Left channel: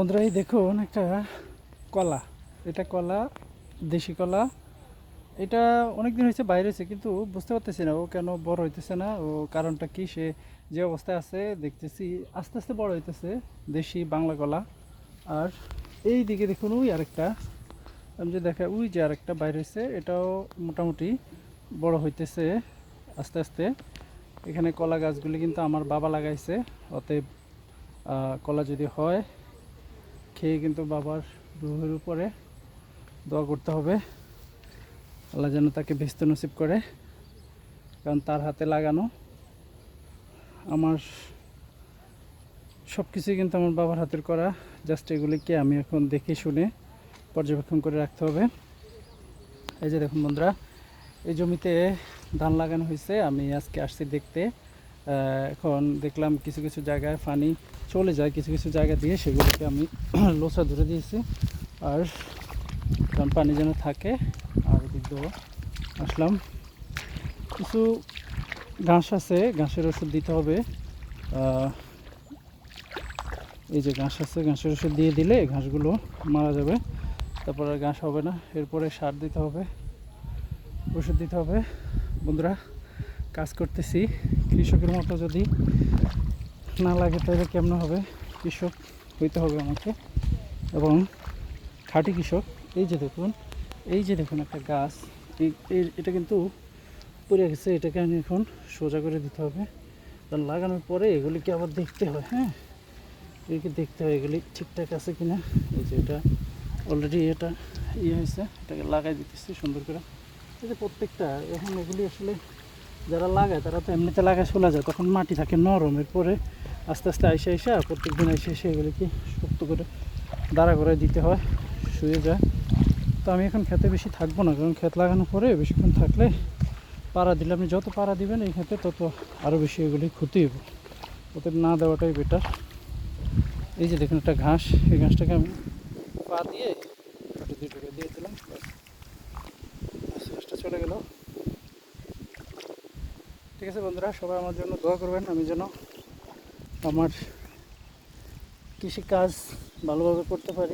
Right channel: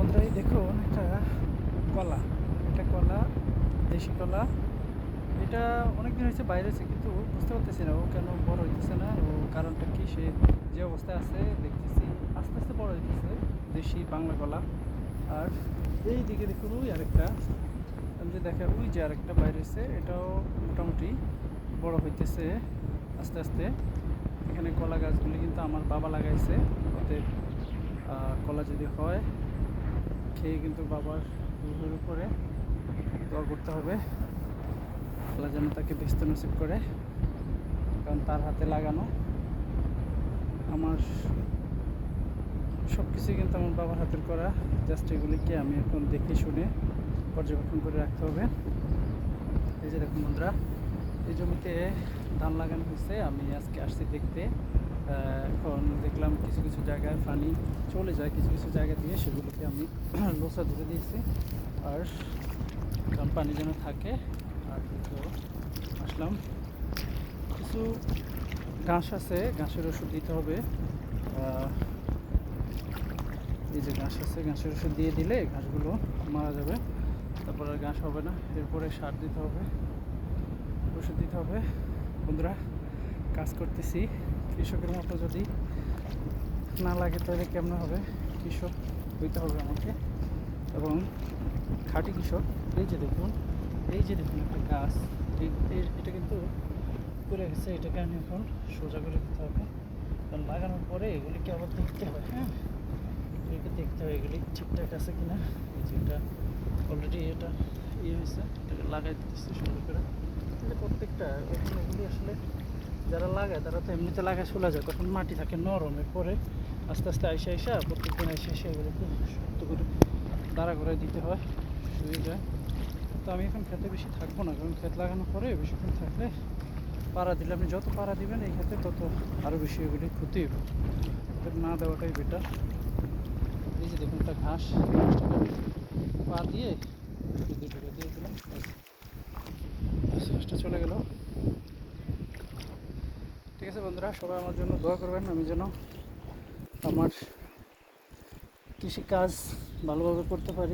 বন্ধুরা এই দেখুন একটা কলা। এটা কলা, দেশি কলা। এটা অনেক দিন হয়েছে বাইরে হয়েছে, কিন্তু বুঝতে পারতেছি না ও কেন বড় হইতেছে না। ও কারণটা কি? সে যে অবস্থায় আছে দেখতেছি আস্তে আস্তে বড় হইতেছে। দেশি বাংলা কলা। আর এই দিকে দেখুন ওই আরেকটা, আমি যে দেখা ওই যে আরেকটা বাইরে হয়েছে, এটাও মোটামুটি বড় হইতেছে আস্তে আস্তে। এখানে কলা গাছগুলি কিন্তু আমার বাবা লাগাইছে। অতএব কলা যদি হয় খেয়ে কিন্তু বাবার রুহের উপরে দোয়া করতে হবে, আল্লাহ যেন তাকে বেহেশত নসিব করে। কারণ তার হাতে লাগানো আমার সব কিছুই কিন্তু আমার বাবার হাতের করা। জাস্ট এগুলিকে আমি এখন দেখে শুনে পর্যবেক্ষণ করে রাখতে হবে। এই যে দেখুন বন্ধুরা, এই জমিতে ধান লাগানো হয়েছে। আমি আজকে আসছি দেখতে। এখন দেখলাম কিছু কিছু জায়গায় পানি চলে যায়, কিছু কিছু জায়গা দিয়ে সেগুলোকে আমি লোসা ধরে দিয়েছি। আর কারণ পানি যেন থাকে। আর এদিকেও আসলাম, কিছু ঘাস আছে, ঘাসের ওষুধ দিতে হবে। এই যে ঘাস আছে, ঘাসের ওষুধ দিয়ে দিলে ঘাসগুলো মারা যাবে, তারপর আর ঘাস হবে না। এরপরে সার দিতে হবে, ওষুধ দিতে হবে। বন্ধুরা, কাজ করতেছি কৃষকের মতো, যদি না লাগে তাহলে কেমন হবে? কৃষক হইতে হবে আমাকে, এবং খাঁটি কৃষক। এই যে দেখুন, এই যে দেখুন একটা গাছ, এটা কিন্তু পড়ে গেছে। এটাকে আমি এখন সোজা করে দিতে হবে। কারণ লাগানোর পরে এগুলিকে আবার দেখতে হয়। হ্যাঁ, এগুলিকে দেখতে হয় এগুলি ঠিকঠাক আছে কিনা। এই যে এটা অলরেডি এটা হয়েছে, এটাকে লাগাই দিতেছি সুন্দর করে। এই যে প্রত্যেকটা এখন এগুলি আসলে যারা লাগায় তারা তো এমনিতে লাগায় চলে যায়, তখন মাটি থাকে নরম। এরপরে আস্তে আস্তে আইসা প্রত্যেক দিন এসে এগুলিকে শক্ত করে দাঁড়া করে দিতে হয়, শুয়ে যায়। তো আমি এখন খেতে বেশি থাকবো না, কারণ ক্ষেত লাগানোর পরে বেশিক্ষণ থাকলে পাড়া দিলে, আপনি যত পাড়া দিবেন এই ক্ষেতে তত আরও বেশি এগুলি ক্ষতি হবে। ওদের না দেওয়াটাই বেটার। এই যে দেখুন একটা ঘাস, এই ঘাসটাকে আমি পা দিয়ে ঢুকে দিয়ে দিলাম, ঘাসটা চলে গেল। ঠিক আছে বন্ধুরা, সবাই আমার জন্য দোয়া করবেন, আমি যেন আমার কৃষিকাজ ভালোভাবে করতে পারি।